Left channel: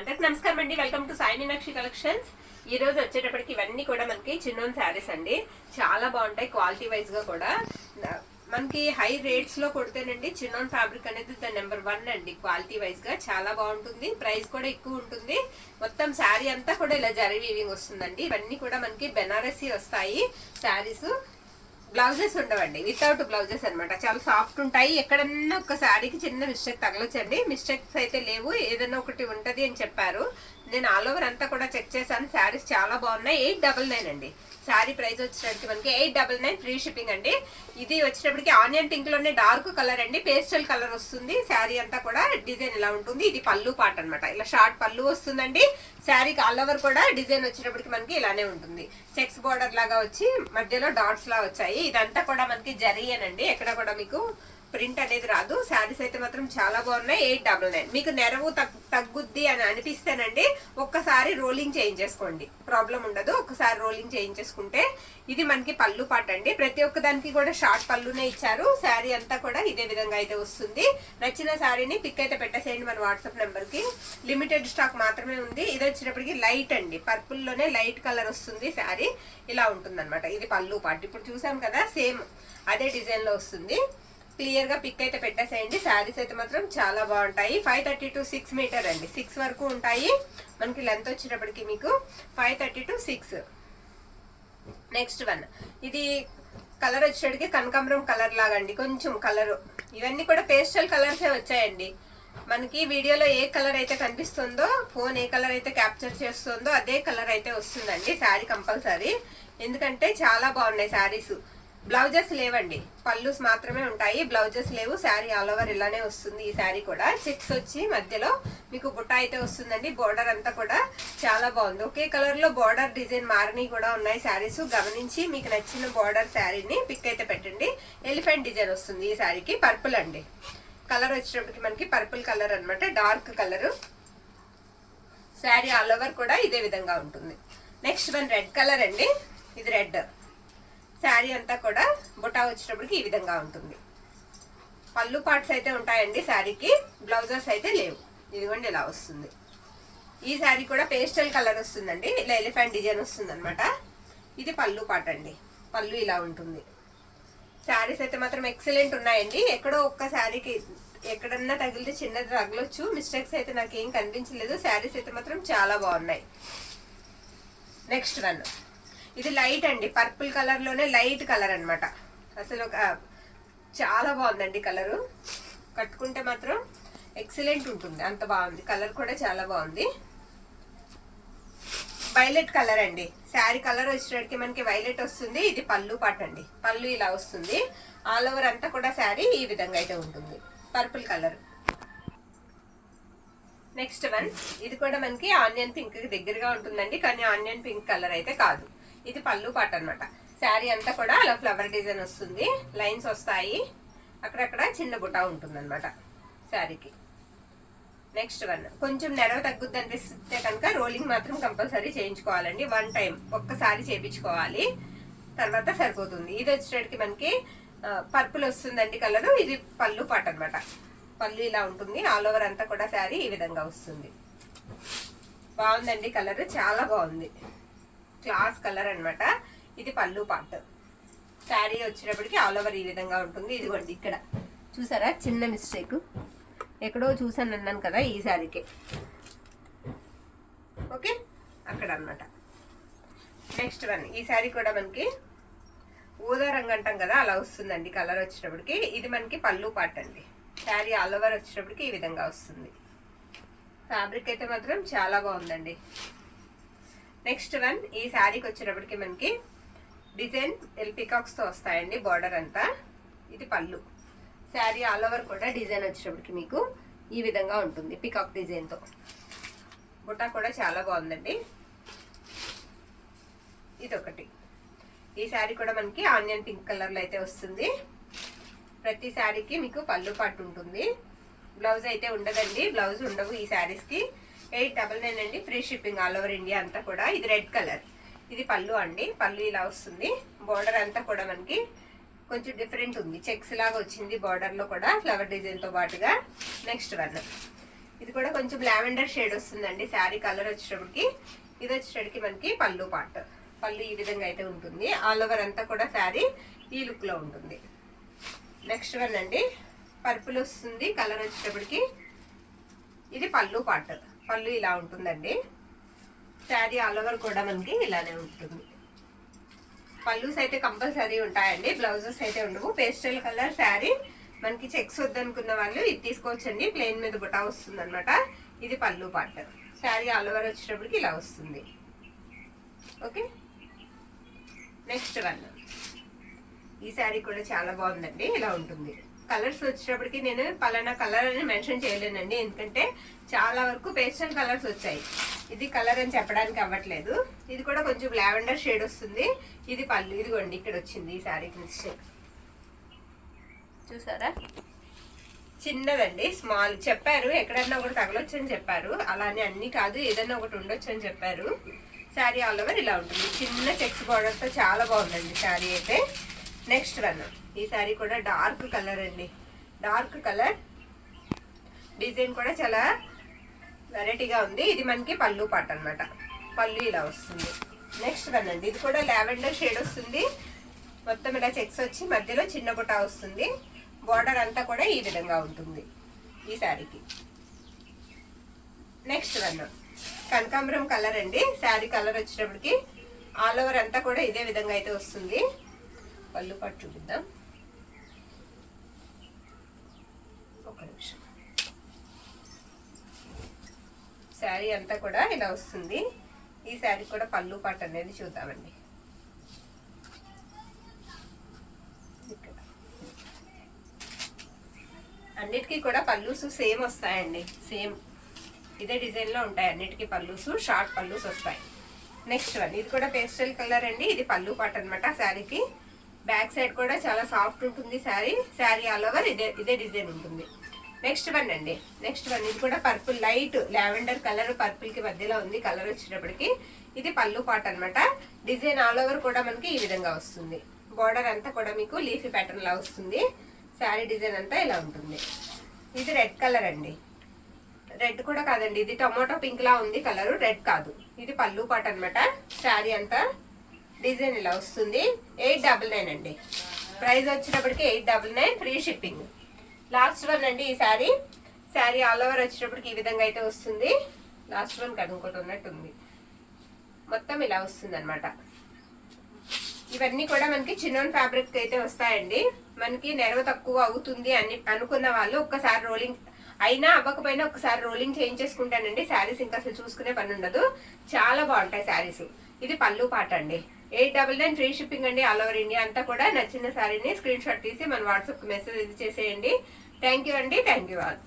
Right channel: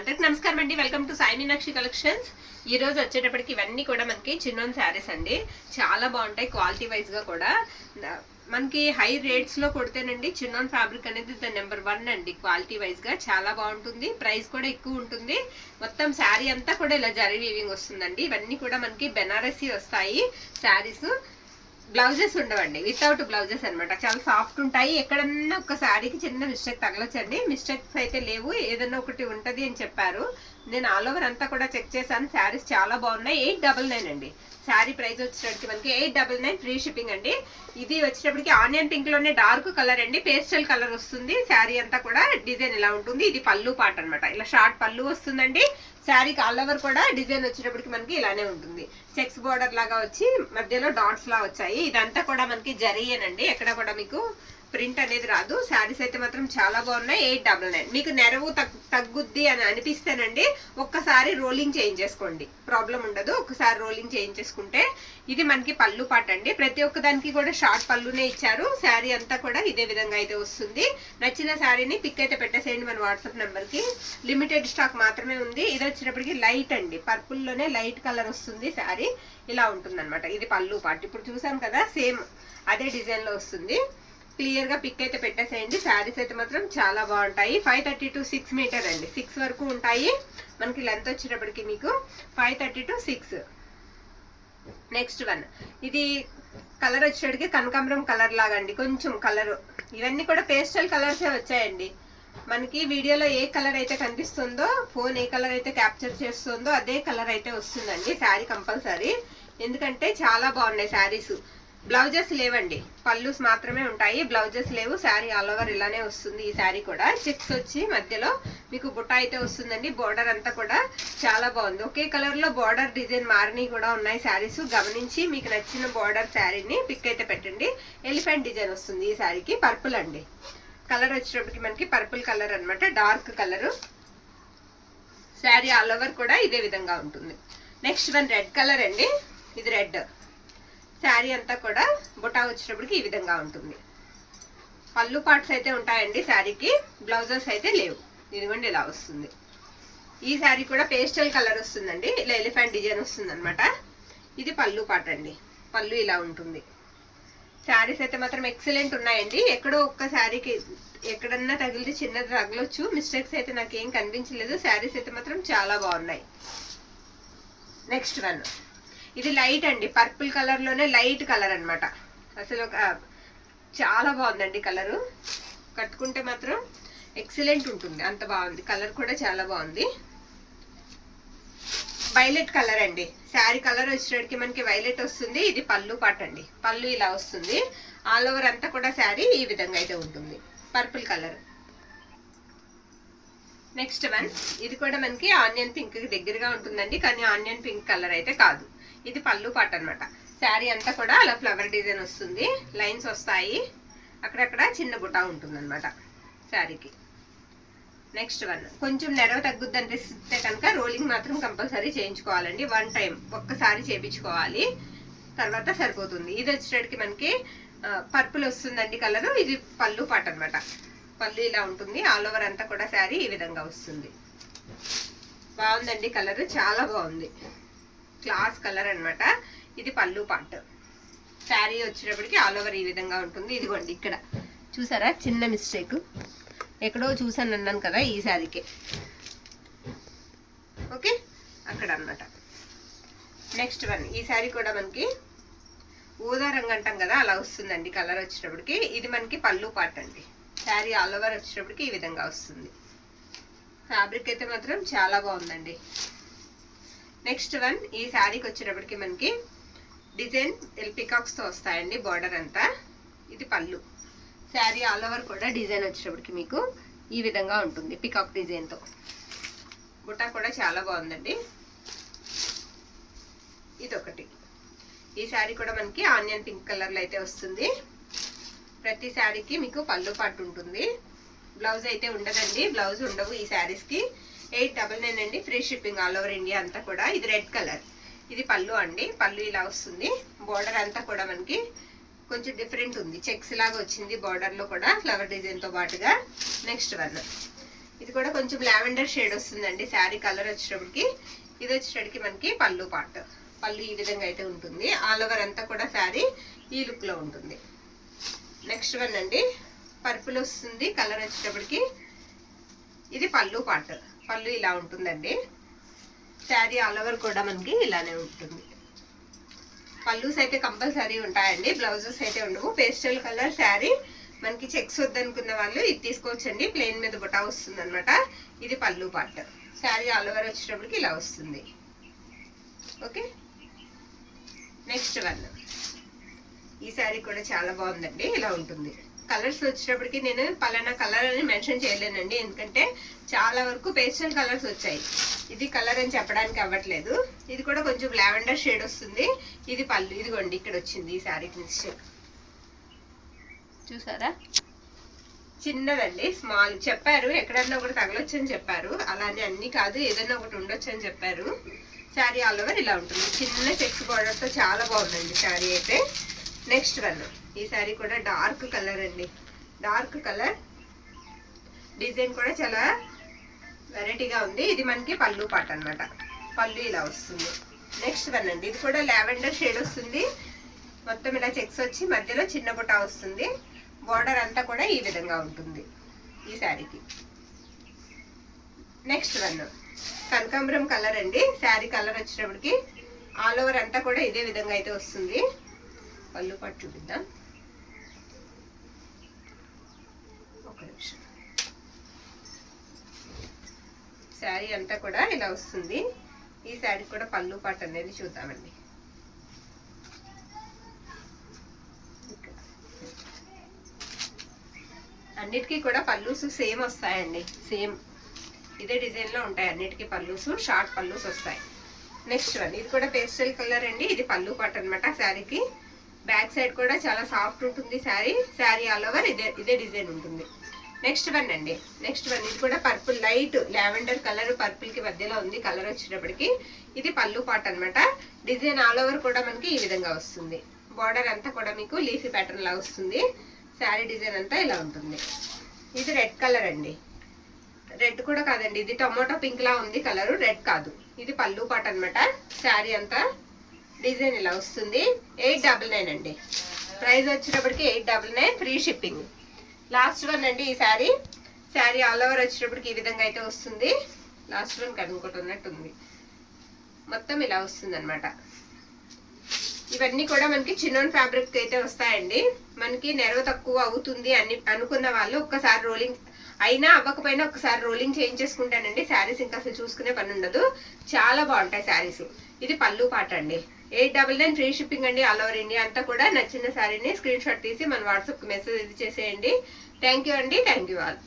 అందరికి నమస్కారం అండి. Welcome to Sai Meenakshi collections. ఈ రోజు వచ్చేటప్పటికి ఇవన్నీ కూడా మనకి చిన్నోన్ శారీస్ అండి. చాలా బాగుంటాయి క్వాలిటీ వైజ్ గా కూడా. మనకి హై రేట్స్ లో కొడితేనండి చిన్నోన్ ఫ్యాబ్రిక్ అనేది ద నెంబర్ 1 అండి. క్వాలిటీ వైజ్ గా చాలా బాగుంటుంది, ప్రైస్ కూడా ఎక్కువ ఉంటుంది. మొత్తం శారీ అంతా కూడా ఇలా జరీ వీవింగ్ వస్తుందండి. ఇవన్నీ కూడా మనకి బెనారసీ వస్తాయి శారీస్. బ్లౌజెస్ ఉండవండి, వితౌట్ బ్లౌజెస్ అనమాట. చాలా సాఫ్ట్ ఉంటాయి. ఎక్కడన్నా ఒక శారీకి చిన్న మిస్టేక్ తగలొచ్చండి. మిస్టేక్స్ అయితే లేవు, ఏదైనా ఒకటి ఉంటది అని చెప్పారు. నేను ఆల్ ఓవర్ అంతా కూడా చెక్ చేశాను. శారీస్ చాలా బాగున్నాయి. 899 అండి శారీ ప్రైస్ వచ్చేటప్పటికి మనకి 899 ఫ్రీ షిప్పింగ్ అండి. ఇది వచ్చేటప్పటికి ఆనియన్ పింక్ లోనే డార్క్ కలర్ అండి, పేస్టల్ కలర్ వస్తుంది. శారీ అంతా కూడా డిజైన్ ఇలా ఉంటుంది. ఇది పళ్ళు పాట అనమాట, ఇలా షార్ట్ పళ్ళు వస్తుందండి. శారీకి ఆల్ ఓవర్ కూడా డిజైన్ వచ్చేటప్పటికి మనకి ఇలానే ఉంటుంది. చెక్స్ బోర్డర్ లాగా వచ్చి మధ్యలో డాట్స్ లా వచ్చాయి. ఇదంతా కూడా మనకి జరీయేనండి, ఎక్కడ కూడా మీకు ప్రింట్ అనేది రాదు. శారీస్ అయితే మాత్రం చాలా బాగున్నాయి. 899. మీకు నెరవు తగ్గుద్ది అని అనిపిస్తేనండి ఒక్కసారి రోలింగ్ చేయించేసుకోండి, ప్రాబ్లం ఉండదు. ఒక్కసారి రోలింగ్ చేయించేసుకుంటే. ఇది మనకి పళ్ళు పాట అండి. ప్రతి ఒక్క దానికి కూడా షార్ట్ పళ్ళునే ఇచ్చారు. శారీ అంతా కూడా ఇదే విధంగా అయితే వస్తుంది. నచ్చిన శారీని పిక్ అయితే పెట్టేసేయండి మన వాట్సాప్ నెంబర్ కి. లిమిటెడ్ స్టాక్ మాత్రమే ఉంది. ఇది వచ్చేటప్పటికి లైట్ అండి, పర్పుల్ లోనే లైట్ కలర్ వస్తుంది. శారీ ఇలా ఉంటుంది అనమాట. ఇది పళ్ళు పాట. ఇప్పుడు చూసాం కదా, సేమ్ అదే డిజైన్ లో వస్తుంది. క్లియర్ గా పిక్ అయితే పెట్టేసేయండి. శారీస్ అయితే మాత్రం చాలా బాగుంటాయి. 530 to 6 మీటర్ అండి, 6 వరకు ఉంటాయి. మనకి లెంత్ వచ్చేటప్పటికి మీకు 530 to 6. నెక్స్ట్ వన్, ఇది కలర్ వచ్చేటప్పటికి కనకాంబరం కలర్ లాగా అండి, కొంచెం కలర్. ఇవన్నీ కూడా పేస్టల్ కలర్సే వచ్చాయండి. మనకి వీడియోలో ఏ కలర్ అయితే కనిపిస్తుందో, ఫోన్ ఏ కలర్ అయితే క్యాప్చర్ చేస్తుందో అదే కలర్ అయితే వస్తుందండి శారీ కంపల్సరీ. ఎందుకంటే చాలా బాగున్నాయి శారీస్. బ్లౌజెస్ లేవండి, పళ్ళుస్ మాత్రమే ఉంటాయి, బ్లౌజెస్ లేవు. శారీ ఆల్ ఓవర్ ఇలానే వస్తుంది. ఈ శారీ కూడా చెక్స్ వచ్చి మధ్యలో మీకు బుట్ట అయితే వస్తుందండి. బోర్డర్ అంతా కూడా చాలా బాగుంది. ఒకే కలర్ లో బోర్డర్ డిజైన్ మారినవి కూడా ఉన్నాయి శారీస్. గమనించి మీకు నచ్చిన బోర్డర్ శారీని పిక్ అయితే పెట్టండి. ఎలిఫెంట్ డిజైన్ వస్తుంది ఈ శారీకి. పర్పుల్ అండి కలర్ వచ్చేటప్పటికి మనకి పర్పుల్ కలర్ అనమాట, dark colour. Sari all over కూడా ఇదే విధంగా ఉంటుంది. నెక్స్ట్ వన్ రెడ్ కలర్ అండి. ఇది రెడ్. శారీ అంతా కూడా బుటా వచ్చేటప్పటికి ఈ విధంగా ఉంటుంది. పళ్ళు పార్ట్స్ అయితే ఉంటాయండి శారీకి, బ్లౌజెస్ అయితే లేవు. ఇదిగోండి ఇలా వస్తుంది. ఈ శారీ కూడా పేస్టల్ కలర్ వస్తుందండి, ఇలా ఎలిఫెంట్ డిజైన్ వస్తుంది అనమాట. ఇది పళ్ళు పార్ట్ అండి, పళ్ళు ఇలా ఉంటుంది. శారీస్ అయితే మాత్రం ఎక్సలెంట్ ఉన్నాయండి. ఎక్కడో ఒక్క శారీకి ఎక్కడన్నా తగిలితే చిన్నది తగలొచ్చు, మిస్టేక్స్ అయితే నాకేం కనిపించలేదు. శారీస్ అయితే మాత్రం చాలా బాగున్నాయి. నెక్స్ట్ వన్, ఇది లైట్ అండి, పర్పుల్ కలర్ లోనే లైట్ కలర్ అనమాట. అసలు చాలా బాగుందండి కలరు. కట్టుకుంటే మాత్రం ఎక్సలెంట్ ఉంటుంది, అంత బాగుంది. కలర్ కూడా చాలా బాగుంది. వైలెట్ కలర్ అండి. శారీ కలర్ వచ్చేటికి మనకి వైలెట్ వస్తుంది. ఇది పళ్ళు పాట అండి, పళ్ళు ఇలా వస్తుంది. ఆల్ ఓవర్ అంతా కూడా శారీ ఈ విధంగా అయితే ఉంటుంది, పర్పుల్ కలర్. నెక్స్ట్ వన్, ఇది కూడా మనకి ఆనియన్ పింక్ కి దగ్గరగా ఉంటుందండి, కానీ ఆనియన్ పింక్ కలర్ అయితే కాదు. ఇది పళ్ళు పాట అనమాట. శారీ అంతా కూడా అలా ఫ్లవర్ డిజైన్ వస్తుంది, లైన్స్ వస్తాయి, అక్కడక్కడ చిన్న బుటా ఉంటుంది అనమాట శారీకి. నెక్స్ట్ వన్, కొంచెం నెరవ తగ్గుద్ది అనిపిస్తే కనుక రోలింగ్ మాత్రం కంపల్సరీ చేయించుకోవాలండి. 1 టైం ఒక్కసారి చేయించుకోవాలి, తర్వాత సరిపోతుంది. ఇది వచ్చేటికి మనకి పర్పుల్ వస్తుందండి కలరు. ఇది పళ్ళు పాట అనమాట. పళ్ళు ఇలా ఉంటుంది. ఆల్ ఓవర్ అంతా కూడా శారీ ఈ విధంగా వస్తుంది. బాగుందండి కలర్, చాలా బాగుంది. క్లాస్ కలర్ అనమాట. ఇది పళ్ళు పార్ట్. శారీ వచ్చేటప్పటికి ఆల్ ఓవర్ ఈ విధంగా ఉంటుంది. ఇదిగోండి ఇక్కడ చూసారా, చిన్న మిస్టేక్ ఎక్కడో చూసాను అన్నాను కదా, ఈ శారీకి. ఓకే, అక్కడ అనమాట. నెక్స్ట్ వన్, ఈ శారీ కూడా మనకి ఊదా రంగు అంటాం కదా, అలా వస్తుందండి కలర్ వచ్చేటప్పటికి. ఇది మనకి పళ్ళు పార్ట్ అండి. శారీ ఆల్ ఓవర్ వచ్చేటప్పటికి ఈ విధంగా వస్తుంది. ఫ్యాబ్రిక్ అయితే మాత్రం చాలా బాగుందండి. నెక్స్ట్ వన్, ఈ శారీకి వచ్చేటప్పటికి మనకి డిజైన్ పికాక్స్ తో వస్తాయండి బార్డర్ అంతా. ఇది పళ్ళు. శారీ ఆల్ ఓవర్ కూడా డిజైన్ వచ్చేటప్పటికి మీకు ఈ విధంగా ఉంటుంది, పికాక్ డిజైన్ తో. బుటా కూడా చాలా బాగుందండి. ఇదొకటి. ఈ శారీ కూడా మనకి ఆనియన్ పింక్ కలర్ లో అయితే వస్తుంది. ప్రతి శారీకి మీకు పళ్ళు పాటు ఉంటుంది, బ్లౌజ్ అయితే ఉండదండి. బ్లౌజ్ ఉండవు ఈ శారీస్ కి. 899 అండి, free shipping all over India అంతా కూడా. ఇది రెడ్ కలర్. ఇది పళ్ళు అండి, పళ్ళు ఇలా వస్తుంది. బోర్డర్ అంతా కూడా మనకి కొంచెం డిఫరెంట్ ఉంది, చెక్స్ లాగా వచ్చింది బార్డర్ లో కూడా ఫ్లవర్ డిజైన్ తో పాటుగా. నెక్స్ట్ వన్, ఇది కూడా కొంచెం లావెండర్ షేడ్ వస్తుందండి శారీ కలర్ వచ్చేటప్పటికి. ఇది వచ్చేటప్పటికి మనకి పళ్ళు పార్ట్. పళ్ళు ఈ విధంగా అయితే ఉంటుంది. ఆల్ ఓవర్ అంతా కూడా శారీ ఈ లుక్ లో ఉంటుంది. నెక్స్ట్ వన్ అండి పర్పుల్ వస్తుంది కలర్ వచ్చేటప్పటికి. ఇది పళ్ళు పార్ట్. పళ్ళు ఇలా ఉంటుందండి. శారీ ఆల్ ఓవర్ కూడా మనకి ఇలానే ఉంటుంది. పళ్ళుస్ అయితే కంపల్సరీ ఉంటాయండి, బ్లౌజెస్ అయితే ఉండవు. పేస్టల్ కలర్ శారీ మనకి చెక్స్ వద్దనుకున్న వాళ్ళు ఇది తీసుకోవచ్చండి. ప్లెయిన్ మీద బుటా వస్తుంది అనమాట. ఇది పళ్ళు పార్ట్. శారీ ఆల్ ఓవర్ వచ్చేటప్పటికి ఇలా వస్తుంది. Okay, next one. ఈ శారీ కూడా చాలా బాగుందండి. ఇలా ఉంటుంది. కలర్స్ వచ్చేటప్పటికి నేను పలానా కలర్ అని మెన్షన్ చేయలేనండి, ఎందుకంటే చాలా వరకు పేస్టల్ కలర్స్ వచ్చాయి. ఇది కలర్ అని చెప్పడానికి అవ్వట్లేదు. ఇది కూడా కొంచెం లావెండర్ షేడ్ వస్తుంది. ఇది పళ్ళు. ఇదిగోండి ఇక్కడ వచ్చింది ఈ శారీ మిస్టేక్ చూసారా, చిన్నదండి, స్మాల్. చెప్పారు ఎక్కడన్నా ఒకటి తగలొచ్చు అని చెప్పారు. అలానే అన్ని కాదు, ఏదన్నా ఒకటి ఉండొచ్చు అని చెప్పారు. శారీ ఆల్ ఓవర్ ఇలా ఉంటుంది. చిన్న చెక్స్ బార్డర్తో చాలా బాగుందండి శారీ అయితే. Next one. ఈ శారీ కూడా డార్క్ కలర్ అండి. డార్క్ కలర్ డిజైన్ కూడా చాలా వెరైటీగా ఉంది. ఇది మనకి పళ్ళు పార్ట్ అనమాట. పళ్ళు ఇలా వస్తుంది. నెక్స్ట్ వన్ అండి. ఇది కూడా లావెండర్ షేడ్ వస్తుంది. మొత్తం ఇలా చెక్స్ వచ్చి మధ్యలో చిన్న బుటా వస్తుంది. బార్డర్ అంతా కూడా ఈ విధంగా ఉంటుంది ఈ శారీకి. నెక్స్ట్ వన్ కనకాంబరం కలర్ అండి. శారీ కలర్ వచ్చేటప్పటికి ఆల్ ఓవర్ అంతా కూడా ఇదే విధంగా అయితే వస్తుంది. పళ్ళు పాటు చూపిద్దాం ఒక నిమిషం. శారీ అంతా కూడా ఇలా వస్తుంది. ఈ శారీ కూడా పళ్ళు పాటు అనేది చూద్దామండి. అన్నిటికీ కూడా పళ్ళుస్ సేమ్ వస్తాయండి. సేమ్ ఇదే డిజైన్లో ఉంటాయి అన్నిటికీ పళ్ళుస్. షార్ట్ పళ్ళుస్ వస్తాయి. Next one. ఇది కూడా పేస్టల్ కలర్ అండి. ఇది పళ్ళు పాటు అనమాట శారీకి. బ్యాక్ సైడ్ కూడా చాలా సాఫ్ట్ ఉంటుంది శారీ. శారీ ఆల్ ఓవర్ ఇదే డిజైన్ ఉంటుంది. నెక్స్ట్ వన్ అండి. Next one. ఇది కూడా purple, light lavender colour purple కి మధ్యలో ఉంది కలర్ వచ్చేటప్పటికి. ఇది పళ్ళు పార్ట్ అనమాట. డిజైన్ ఆల్ ఓవర్ కూడా మనకి ఈ విధంగా వస్తుంది. బార్డర్ అంతా కూడా మీకు లీఫీ ప్యాటర్న్ లా వస్తుంది. శారీ డిజైన్ అంతా ఇలా ఉంటుంది. ఇది రెడ్ కలర్ అండి. రెడ్ కూడా కాదండి, ఇది టొమాటో పింక్ లా ఉంది కలర్, రెడ్ కాదు. ఇది పళ్ళు పార్ట్ అనమాట. శారీ అంతా డిజైన్ ఇలా వస్తుంది. 899 అండి. ప్రైస్ వచ్చేటప్పటికి 899, ఫ్రీ షిప్పింగ్. లాస్ట్ వన్ అండి. ఈ శారీ శారీ ఆల్ ఓవర్ వచ్చేటప్పటికి ఈ విధంగా అయితే వస్తుంది. లాస్ట్ వన్ కనుక్కోటి ఉన్నట్టుంది. మొత్తం ఇలా వస్తుంది అనమాట. ఇవన్నీ కూడా మనకి చిన్నోన్ ఫ్యాబ్రిక్ అయితే వస్తాయండి. మనకి నెరవ తక్కువ అవుతుంది అని అనుకున్న వాళ్ళు ఒక్కసారి రోలింగ్ అయినా అవ్వకపోయినా ఒకసారి రోలింగ్ చేయించేసుకుంటానండి. శారీస్ ఇంకా అసలు చూసుకునే పని ఉండదు. చాలా బాగుంటాయి శారీస్. ఇది పళ్ళు పాట అండి. 899, ఫ్రీ షిప్పింగ్ అండి. ఆల్ ఓవర్ ఇండియా అంతా కూడా. నచ్చిన శారీని స్క్రీన్ షాట్ తీసి మన వాట్సాప్కి మెసేజ్ ఇది చేసేయండి. థ్యాంక్ యూ అండి. Thank you all.